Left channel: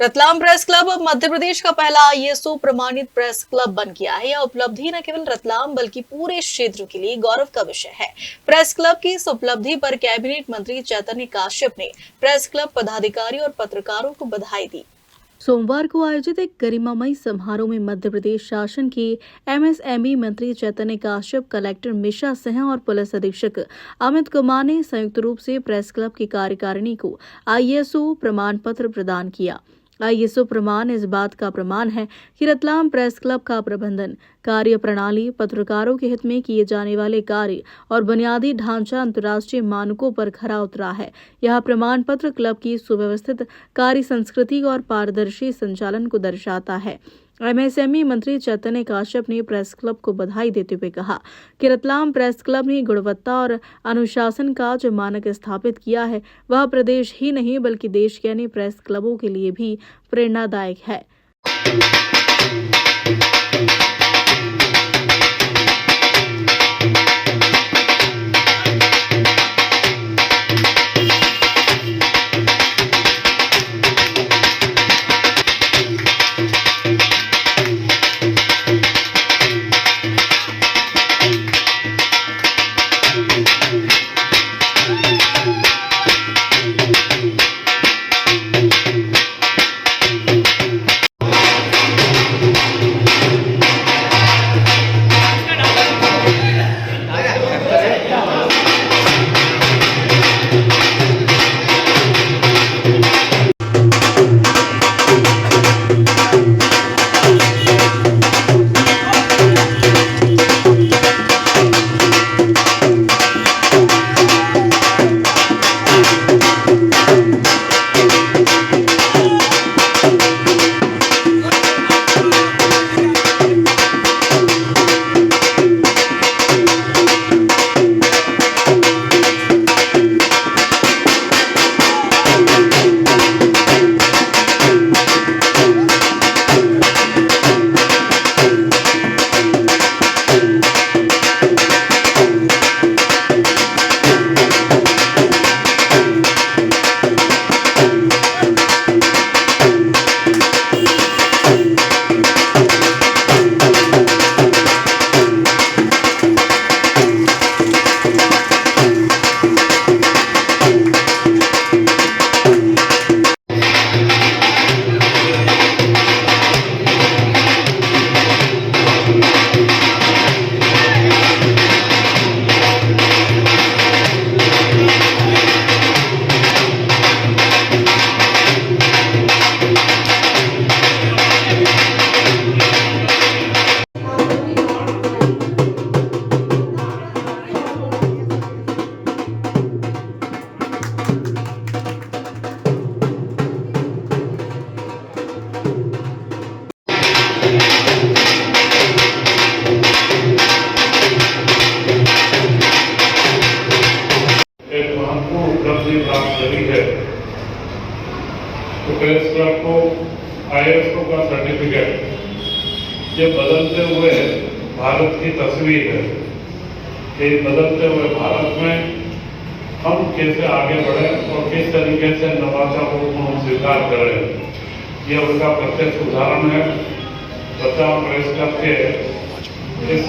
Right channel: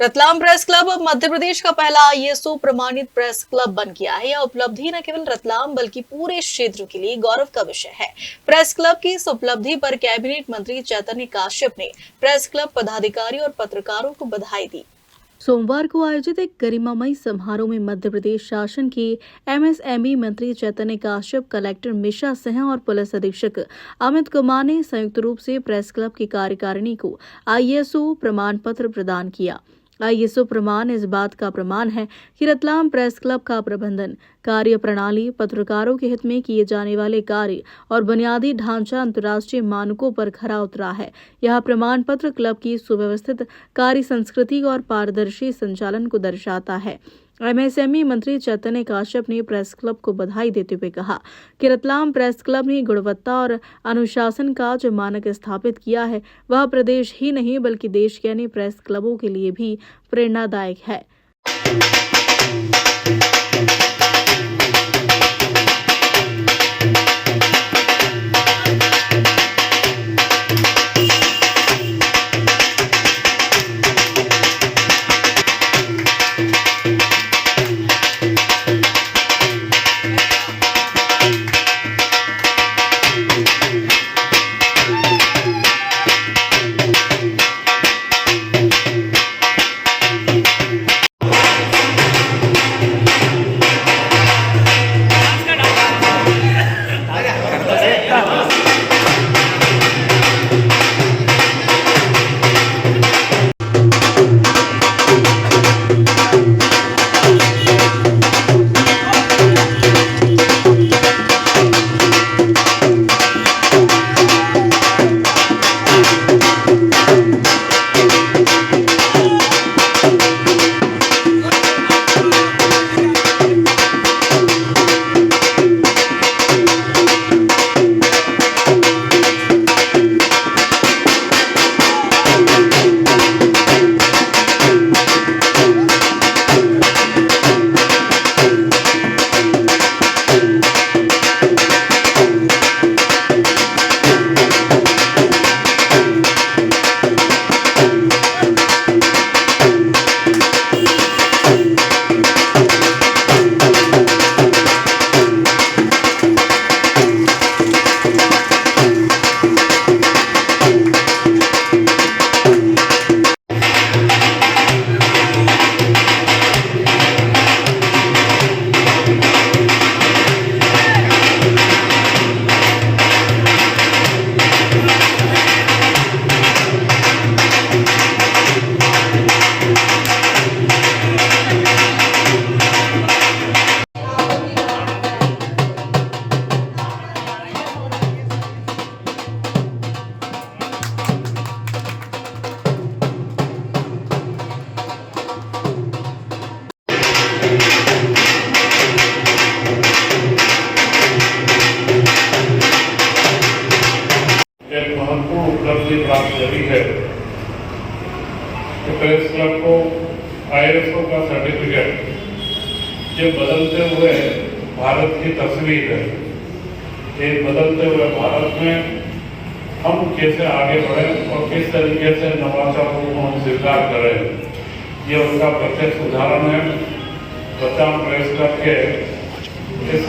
Ratlam press club अब मध्य प्रदेश का पहला आईएसओ प्रमाणित प्रेस क्लब बन गया है। यह उपलब्धि न केवल रतलाम बल्कि पूरे क्षेत्र के लिए गौरव का विषय है। प्रेस क्लब की इस उपलब्धि पर कैबिनेट मंत्री चैतन्य काश्यप ने प्रेस क्लब पदाधिकारी और पत्रकारों को बधाई दी। सोमवार को आयोजित एक गरिमामयी समारोह में मध्य प्रदेश शासन के एमएसएमई मंत्री चैतन्य काश्यप, कलेक्टर मिशा सिंह और पुलिस अधीक्षक अमित कुमार ने संयुक्त रूप से प्रेस क्लब की कार्यकारिणी को आईएसओ प्रमाण पत्र प्रदान किया। आईएसओ प्रमाण इस बात का प्रमाण है कि रतलाम प्रेस क्लब का प्रबंधन, कार्य प्रणाली, पत्रकारों के हित में किए जाने वाले कार्य और बुनियादी ढांचा अंतर्राष्ट्रीय मानकों पर खरा उतरा है। यह प्रमाण पत्र क्लब की सुव्यवस्थित कार्य संस्कृति और पारदर्शी संचालन को दर्शाता है। एमएसएमई मंत्री चैतन्य काश्यप ने प्रेस क्लब को बधाई देते हुए कहा कि रतलाम प्रेस क्लब ने गुणवत्ता और अनुशासन का जो मानक स्थापित किया है, वह प्रदेश ही नहीं बल्कि देश के अन्य प्रेस क्लबों के लिए भी प्रेरणादायक है। उपलब्धि प्राप्त करी है कि प्रेस क्लब को आईएसओ का सर्टिफिकेट, ये बदलते हुए भारत की तस्वीर है। ये बदलते हुए भारत में हम कैसे आगे बढ़े और किस तरीके से नवाचारों को हम स्वीकार करें, ये उनका प्रत्यक्ष उदाहरण है। रतलाम प्रेस क्लब के इस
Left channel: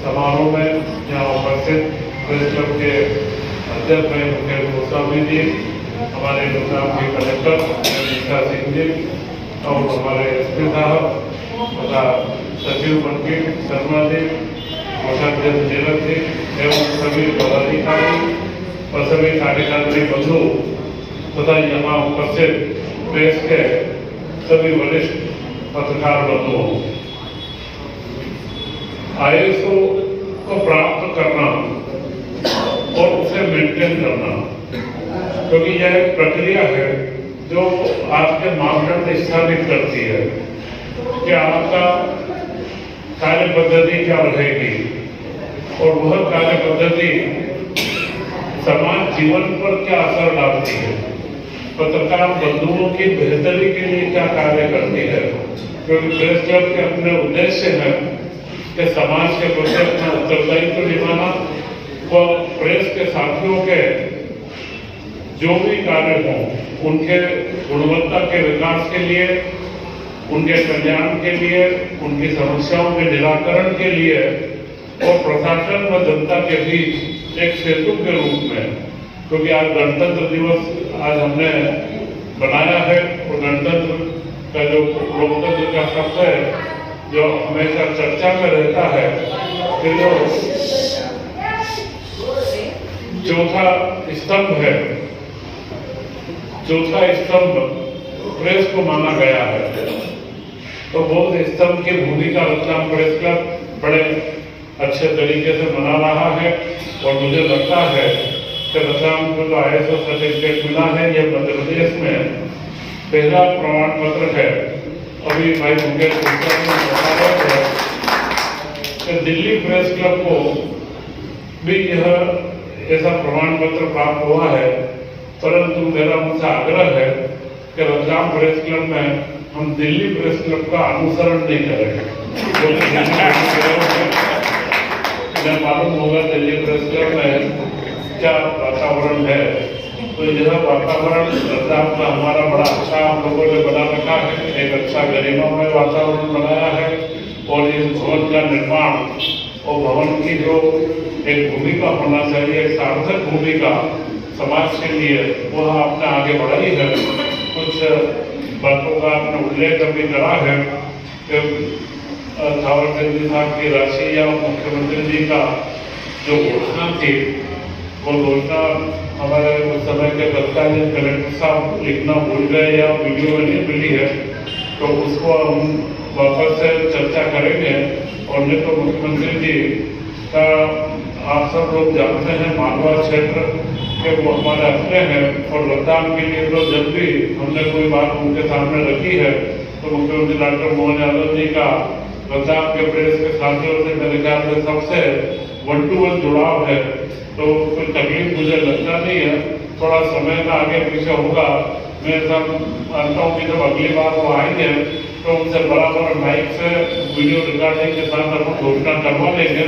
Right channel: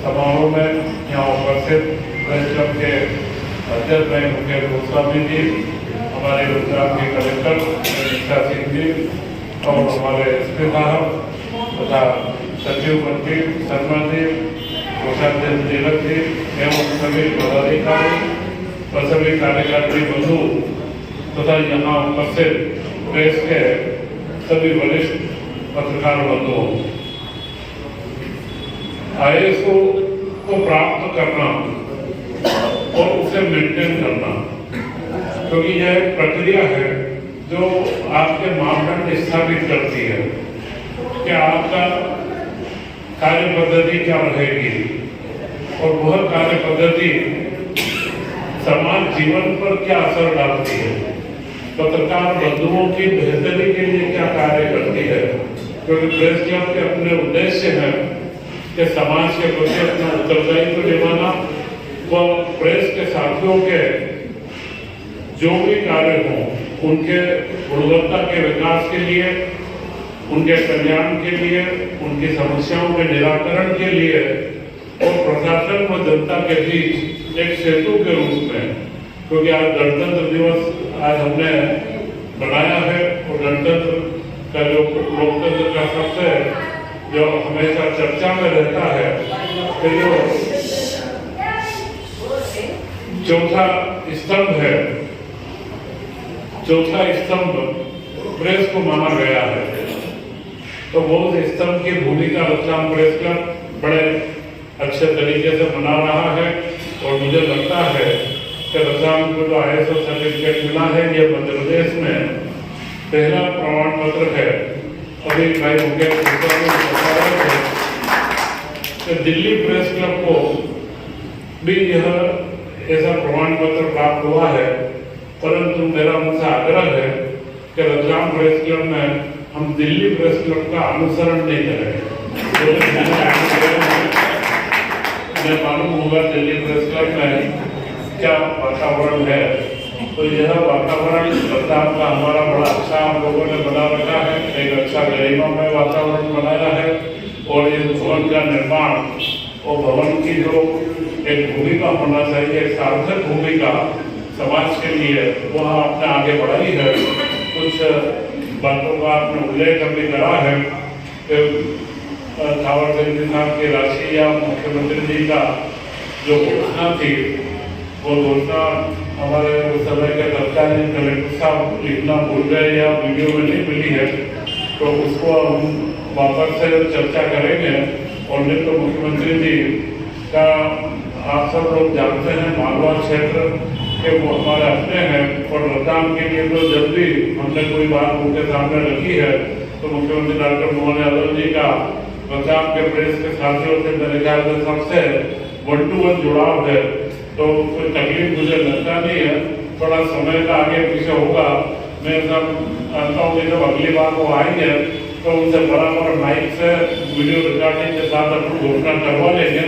समारोह में यहाँ उपस्थित प्रेस क्लब के अध्यक्ष भाई मुकेश गोस्वामी जी, हमारे रतलाम के कलेक्टर मिशा सिंह जी और हमारे एसपी साहब तथा सचिव मंत्री शर्मा जी, कोषाध्यक्ष तिलक जी एवं सभी पदाधिकारी और सभी कार्यकारी बंधु तथा यहाँ उपस्थित प्रेस के सभी वरिष्ठ पत्रकार बंधुओं, आईएसओ को प्राप्त करना और उसे मेंटेन करना, क्योंकि यह एक प्रक्रिया है जो आपके मापदंड स्थापित करती है कि आपका कार्य पद्धति क्या रहेगी और वह कार्य पद्धति समाज जीवन पर क्या असर डालती है, पत्रकार बंधुओं की बेहतरी के लिए क्या कार्य करती है। क्योंकि प्रेस क्लब के अपने उद्देश्य है कि समाज के प्रति अपना उत्तरदायित्व निभाना व प्रेस के साथियों के जो भी कार्य हों उनके गुणवत्ता के विकास के लिए, उनके कल्याण के लिए, उनकी समस्याओं के निराकरण के लिए और प्रशासन व जनता के बीच एक सेतु के रूप में, क्योंकि आज गणतंत्र दिवस आज हमने बनाया है और गणतंत्र का जो लोकतंत्र का शब्द है जो हमेशा चर्चा में रहता है, फिर जो चौथा स्तंभ है, चौथा स्तंभ प्रेस को माना गया है। तो वो स्तंभ की भूमिका रतलाम प्रेस क्लब बड़े अच्छे तरीके से मना रहा है और मुझे लगता है कि रतलाम को जो ISO सर्टिफिकेट मिला है ये मध्य प्रदेश में पहला प्रमाण पत्र है। अभी भाई मुकेश गुप्ता ने बता रहे थे कि दिल्ली प्रेस क्लब को भी यह ऐसा प्रमाण पत्र प्राप्त हुआ है, परंतु मेरा उनसे आग्रह है कि रतलाम प्रेस क्लब में हम दिल्ली प्रेस क्लब का अनुसरण नहीं करेंगे। मैं मालूम होगा दिल्ली प्रेस क्लब में क्या वातावरण है, तो यह वातावरण रतलाम का हमारा बड़ा अच्छा हम लोगों ने बना रखा है, एक अच्छा गरिमामय वातावरण बनाया है और इस भवन का निर्माण और भवन की जो एक भूमिका होना चाहिए, एक सार्थक भूमिका समाज के लिए, वह आपने आगे बढ़ाई है। कुछ बातों का आपने उल्लेख भी करा है कि थावर चंद जी साहब की राशि या मुख्यमंत्री जी का जो घोषणा थी वो घोषणा हमारे उस समय के तत्कालीन कलेक्टर साहब लिखना भूल गए या वीडियो में नहीं मिली है, तो उसको हम वापस से चर्चा करेंगे। और नहीं तो मुख्यमंत्री जी का आप सब लोग जानते हैं मालवा क्षेत्र के वो हमारे अपने हैं और रतलाम के लिए तो जब भी हमने कोई बात उनके सामने रखी है तो मुख्यमंत्री डॉक्टर मोहन यादव जी का रतलाम के प्रेस के साथियों से मेरे ख्याल से सबसे 1-to-1 जुड़ाव है, तो कोई तकलीफ मुझे लगता नहीं है। थोड़ा समय का आगे पीछे होगा, मैं सब मानता हूँ कि जब अगली बार वो आएंगे तो उनसे बराबर माइक से वीडियो रिकॉर्डिंग के साथ अपन घोषणा करवा लेंगे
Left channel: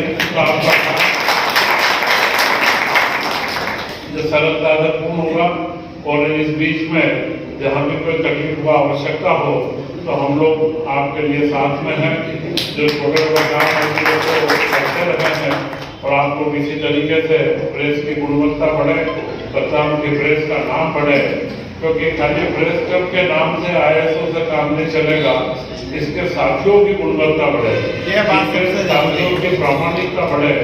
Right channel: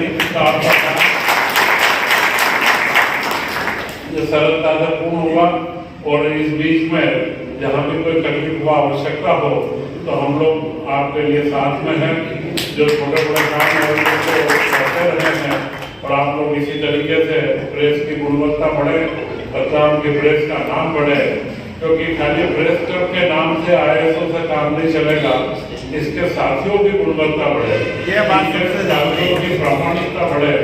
तो सरलता से पूर्ण होगा। और इस बीच में जहाँ भी कोई तकलीफ हुआ आवश्यकता हो तो हम लोग आपके लिए साथ में हैं, जो छोटे बड़े काम करते रहे हैं और आप लोग इसी तरीके से प्रेस की गुणवत्ता बढ़े, रतलाम की प्रेस का नाम बढ़े, क्योंकि खाली प्रेस क्लब के नाम से ISO से काम नहीं चलेगा, इसके साथियों की गुणवत्ता बढ़े, इसके साथियों की प्रामाणिकता बढ़े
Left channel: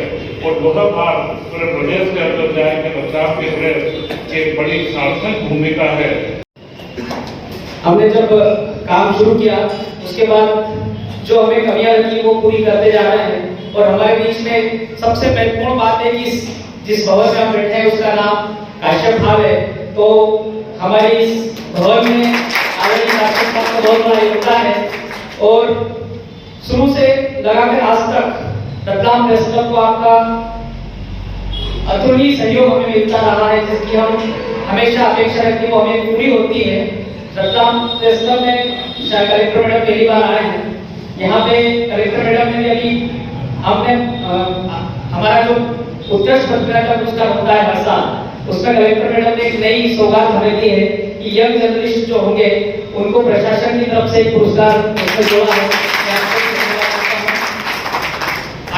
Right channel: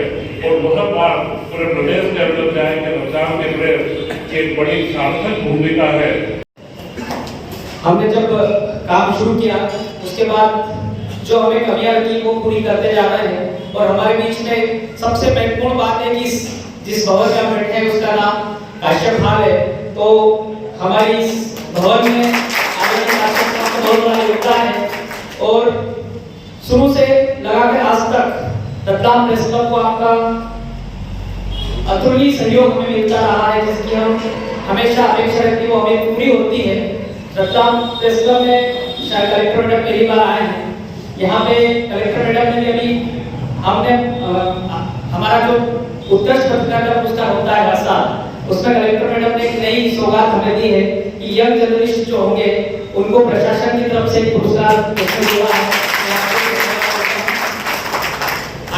और वह बात पूरे प्रदेश के अंदर जाए कि रतलाम के प्रेस की एक बड़ी सार्थक भूमिका है। हमने जब काम शुरू किया उसके बाद जो हमें कमियां लगी वो पूरी करते जा रहे हैं और हमारे बीच में सबसे महत्वपूर्ण बात है कि जिस भवन में हम बैठे हैं उसका नाम काश्यप हॉल है। तो हमारे इस भवन में आदरणीय काश्यप हॉल का बहुत बड़ा योगदान है और शुरू से लगाकर आज तक रतलाम प्रेस क्लब को आपका अतुलनीय सहयोग हमें मिलता रहा है, जिसकी हम हमेशा अपेक्षा रखते हैं वो हमें पूरी होती है। रतलाम प्रेस क्लब में कलेक्टर मैडम पहली बार आए हैं, यहाँ पे कलेक्टर मैडम ने भी अभी हमने हमारा जो उत्कृष्ट पत्रकारिता पुरस्कार होता है हर साल, उसमें कलेक्टर मैडम ने एक नई सौगात हमें दी है कि यंग जर्नलिस्ट जो होंगे उनको प्रशासन की तरफ से एक पुरस्कार जोड़ा है।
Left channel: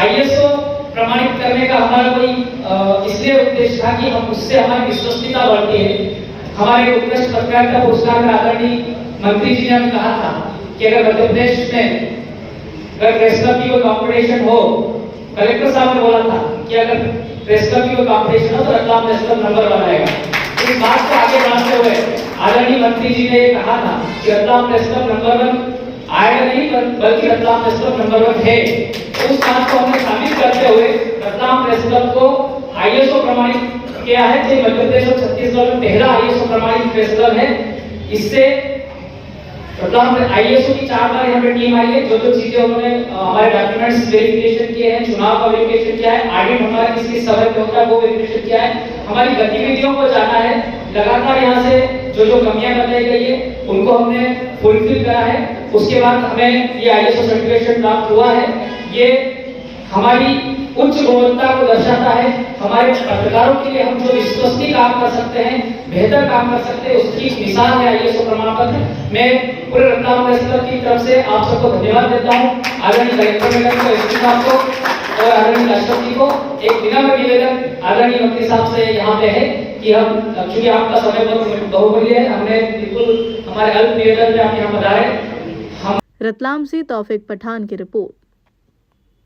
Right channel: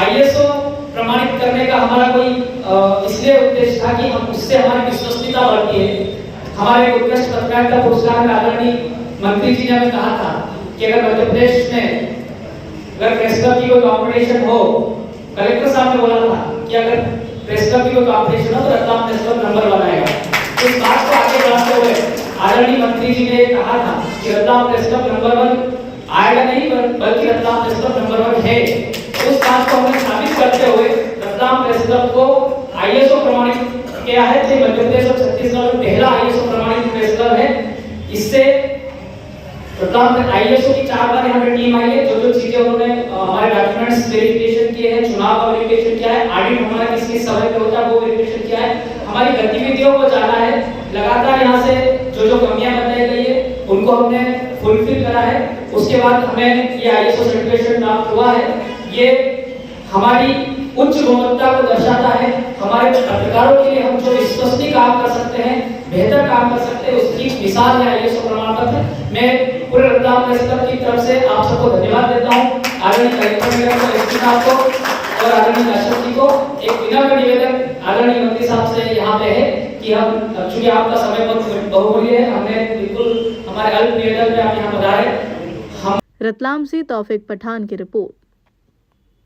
ISO प्रमाणित करने का हमारा कोई इसलिए उद्देश्य था कि हम उससे हमारी विश्वसनीयता बढ़ती है। हमारे उत्कृष्ट पत्रकारिता पुरस्कार में आदरणीय मंत्री जी ने हमें कहा था कि अगर मध्य प्रदेश में अगर प्रेस क्लब की कोई कंपटीशन हो, कलेक्टर साहब ने बोला था कि अगर प्रेस क्लब की कोई कंपटीशन हो तो रतलाम प्रेस क्लब नंबर 1 आएगा। इस बात को आगे बढ़ाते हुए आदरणीय मंत्री जी ने कहा था कि रतलाम प्रेस क्लब नंबर 1 आएगा नहीं बल्कि रतलाम प्रेस क्लब नंबर 1 है। उस बात को हमने साबित करते हुए रतलाम प्रेस क्लब को ISO प्रमाणित किया है, जो मध्य प्रदेश और छत्तीसगढ़ में पहला ISO प्रमाणित प्रेस क्लब है। इससे रतलाम में ISO की 4 बार यहाँ पे टीम आई है, जो चीजें उन्होंने हमारे डॉक्यूमेंट्स वेरिफिकेशन किए हैं, चुनाव का वेरिफिकेशन किया है, ऑडिट हमारा किस किस समय पे होता है वो वेरिफिकेशन किया है, हमारी गतिविधियों को जाना है, लगातार यहाँ से जो कमियां बताई गई है उनको हमने फुलफिल करा है। उसके बाद हमें ये ISO सर्टिफिकेशन प्राप्त हुआ है। ये हमारी उच्च गुणवत्ता को दर्शाता है। हमारे पत्रकारों के लिए हम जो विश्वसनीय काम कर सकते हैं बेहतर काम कर सकते हैं, उसकी मिसाल है आईएसओ प्रमाण पत्र। मैं पूरे रतलाम प्रेस क्लब की तरफ से आप सबको धन्यवाद देता हूँ, आदरणीय कलेक्टर मैडम को, एसपी साहब को और आदरणीय राष्ट्रपति को। एक विनम्र निवेदन आदरणीय मंत्री साहब से यहाँ पे है कि हम, चूंकि आपका समय बहुत बहुमूल्य है, हमने बिल्कुल हमारे अल्प निवेदन पे आप यहाँ पधारे। रतलाम से तौफिक पठान की रिपोर्ट।